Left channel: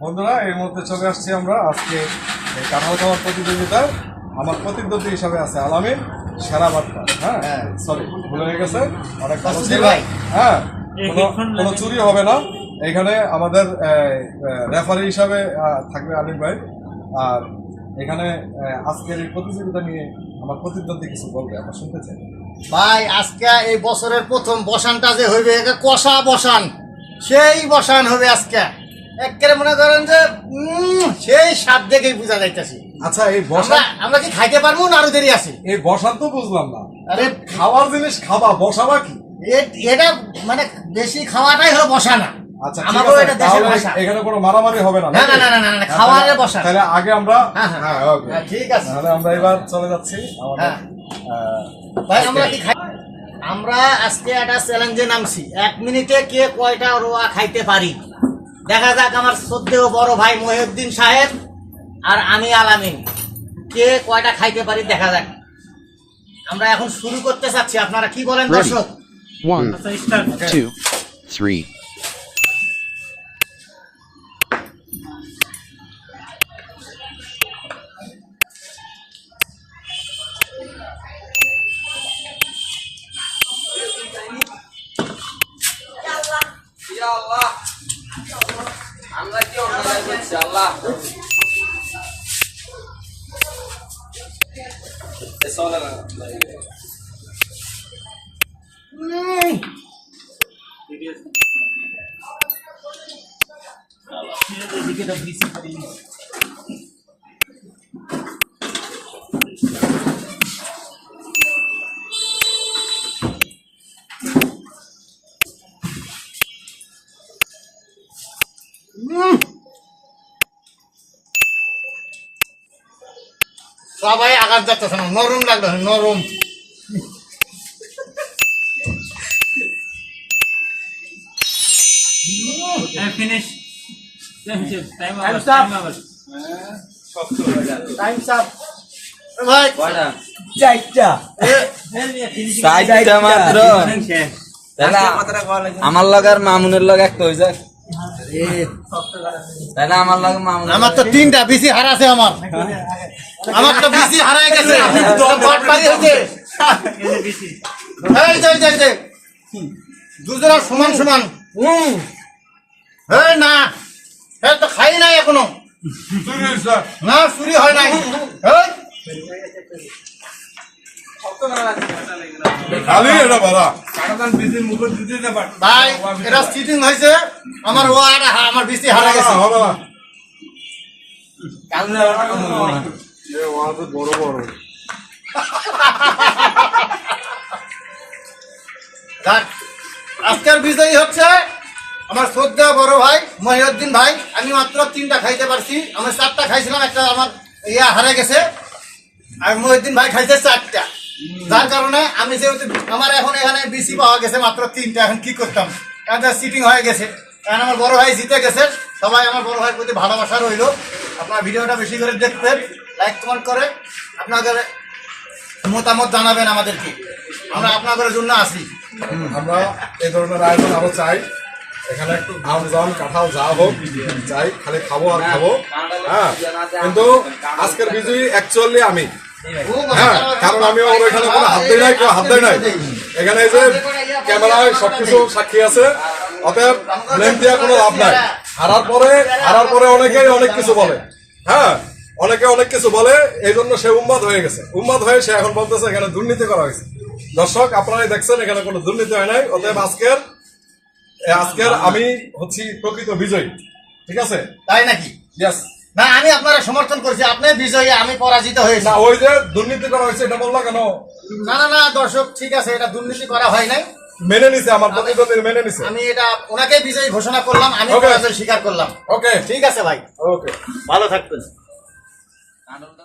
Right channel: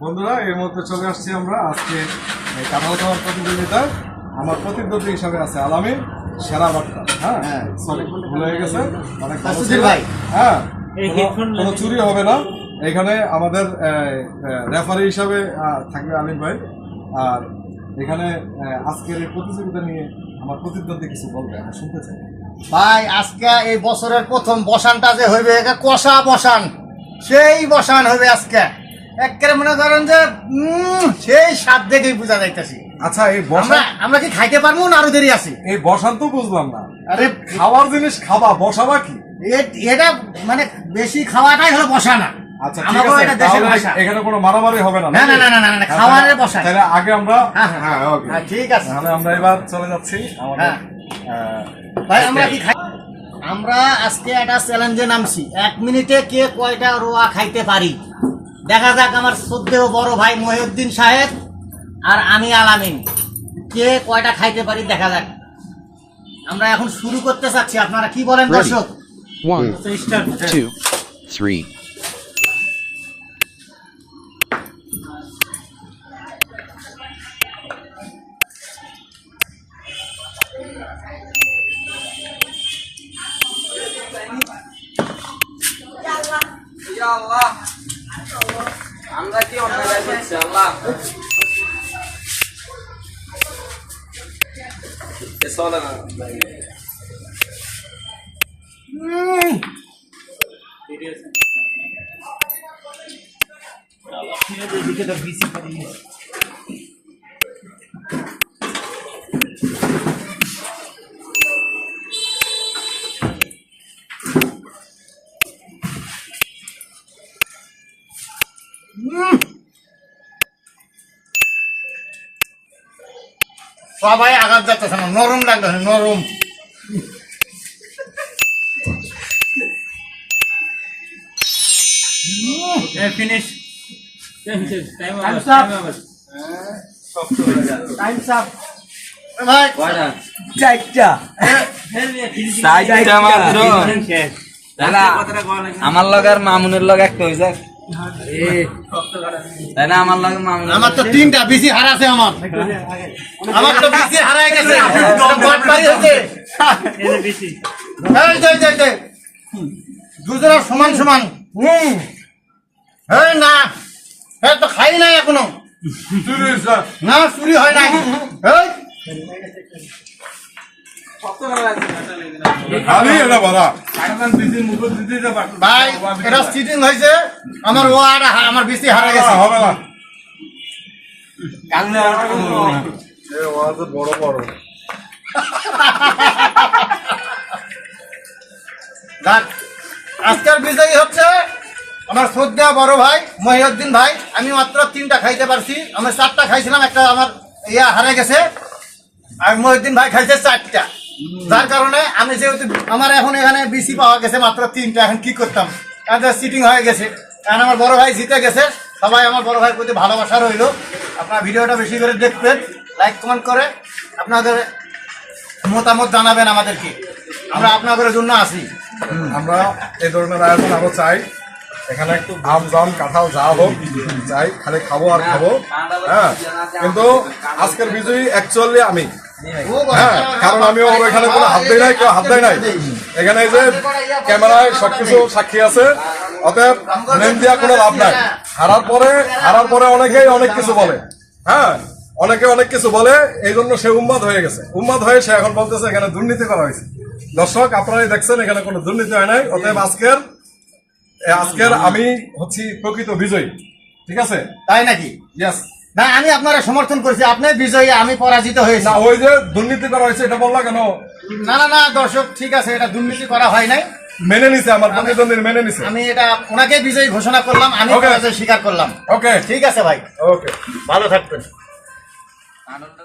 বন্ধুরা এর মধ্যে চলে আসছি আমরা আজকে এই কাঠাল খাওয়ার প্রতিযোগিতায়। আমার প্রতিদ্বন্দ্বী হিসাবে আছে আলামিন সেরা বার্তা হ্যাঁ হ্যাঁ। সরি ভুলে হয়ে গেছে। অনেক। ভাই। হ্যাঁ কোনো- চুরি হবে না। এখানে আমাদের রেফারি হিসাবে থাকবে আলিম ভাই। আর এখানে আজকের এই প্রতিযোগিতা নিয়ে আমার প্রতিদ্বন্দ্বী কিছু বলবে আমরা শুনতে চাই। ভাই আজকে এই বছরের প্রথম বসানটা যে হইবে এটা কষা বসান। সেই বসান হবে আজকে। একেবারে মনে করেন যে সেই স্বাদ দেখেই বোঝা যাইতেছি। আচ্ছা এই বসা আমরা কি খাইতে পারব না আরও দেরি আছি? এই বসান তো বুঝলাম না। আরে খাওয়ার জিনিস খাবা বসাবা কি? এটা মানে বেশি খাওয়াটাই হলো আচ্ছা দেশের তাহলে ভাষা। এখানে কোনো মারামারি হবে না না, না, না, না, না, না, খাওয়ারে। তাহলে আগে আমরা হ্যাঁ, হ্যাঁ। হ্যাঁ। ঠিক আছে। তাহলে আমরা এবার চলে যাচ্ছি আমাদের। ভাই আমরা কি খাই আমরা আজকে একটা চ্যালেঞ্জে নামছি। এক মিনিটে কে কয়টা রোয়া খাইতে পারি? দেখা যাক আমার শ্রদ্ধেয় বড় ভাই মহিউদ্দিন সাহেব আর আমি আলামিন। কে কয়টা খাইতে পারি দেখা যাক। আমরা এখন শুরু করতে চাচ্ছি। আপনারা কি বলেন দর্শক? One, two. ইয়া আমরা কি অন্যায় করছি আল্লাহ চলে না উম, উম। সবাই আঘাত যাচ্ছে না নরম লাগল নরম। Finish time time Time's up. Time's up ভাই চারটা। চারটা মাত্র। আমার লগ আর মামুনের লগ একটা হয়ে যাক তাই না? আমার লগে মামুনের আমার তো তিনটা বেশি হারাছে আমার। আমার তো বেশি হারায় গেছে। বাটপারি হয়েছে। এই যে, এই যে, এই যে। দুজনা সমান সমান। হুম। হে না। হে তো খাই নাই এখনও। না চুরি হয় নাই। এই, আমার ও আর আমার বেশি হারা গেছে। হবে না। বড় আজকের বিজয়ী হচ্ছে আমার শ্রদ্ধা বড় ভাই মহিউদ্দিন ভাই। আমি মাত্র তিনটা খাইতে পারছি। আমি চারটা খাইছিলাম একটা আমার ইয়া হারে গেছে। আর মহিউদ্দিন ভাই খাইছে চারটা। যার কারণে আমি যেহেতু আমার এখন এখানে বিসি পাওয়া গেছে মাত্র তিনটা, এখন কি করতাম? কারণ সিটিং হয়ে গেছে। কারণ আমার বড় ভাই জিতে গেছে। সবাই আমার বড় ভাইয়ের প্রতি ভালোবাসা রইল। আপনার ভিডিওটা বেশি করে দেখবেন লাইক কমেন্ট করে আপনাদের মতামত জানাবেন আমাদেরকে। আমরা আপনাদের জন্য আসি। আমরা এই ধরনের আয়োজন আরও চাই। এখানে একটু আম জাম, কাঁঠাল যা হোক, চাই। খালি খাব আর খাব। হ্যাঁ কিন্তু আজকের বিজয়ী অ্যাকচুয়ালি আমি। হ্যাঁ কারণ আমি ওর এখানে কোনো হাত দেয় নাই কেউ হাত দেয় নাই। এখানে এই যে ক্যামেরায় সবকিছু সাক্ষী আছে অতএব ব্লেম দেওয়া কোনো লাভ নাই। হারার পরে হারার পরে অনেকেই অনেক কিছু বলে। হ্যাঁ অনেকে অনেক কিছু বলে এই জন্য সে উন্মাদ হয়ে গেছে। উন্মাদ হয়ে সে এখন বলতেছে এখানে দুর্নীতি করা হয়েছে। দর্শক আপনারাই দেখছেন এখানে কোনো দুর্নীতি হয় নাই। অতএব আজকের আজকের আমি হচ্ছি প্রকৃত বিজয়ী। ঠিক আছে? তাই নাকি? ইয়াস না আমি আপনারা সমর্থন করছি। আপনি বিজয়ী আমি পরাজিত হয়েছি। না ওই যে দুর্নীতি করা হয়েছে এটা বললা কেন? না না না দর্শক ঠিক আছে এটা দুর্নীতি করা হয় নাই। মেনে নিছে আমার প্রতিদ্বন্দ্বী মেনে নিছে। আমি এটা ওনাকে বিজয়ী ঘোষণা করলাম আমি. পরাজয় স্বীকার করলাম। ওকে ঠিক আছে ভাই। ওকে ভালো থাকবেন। আনন্দ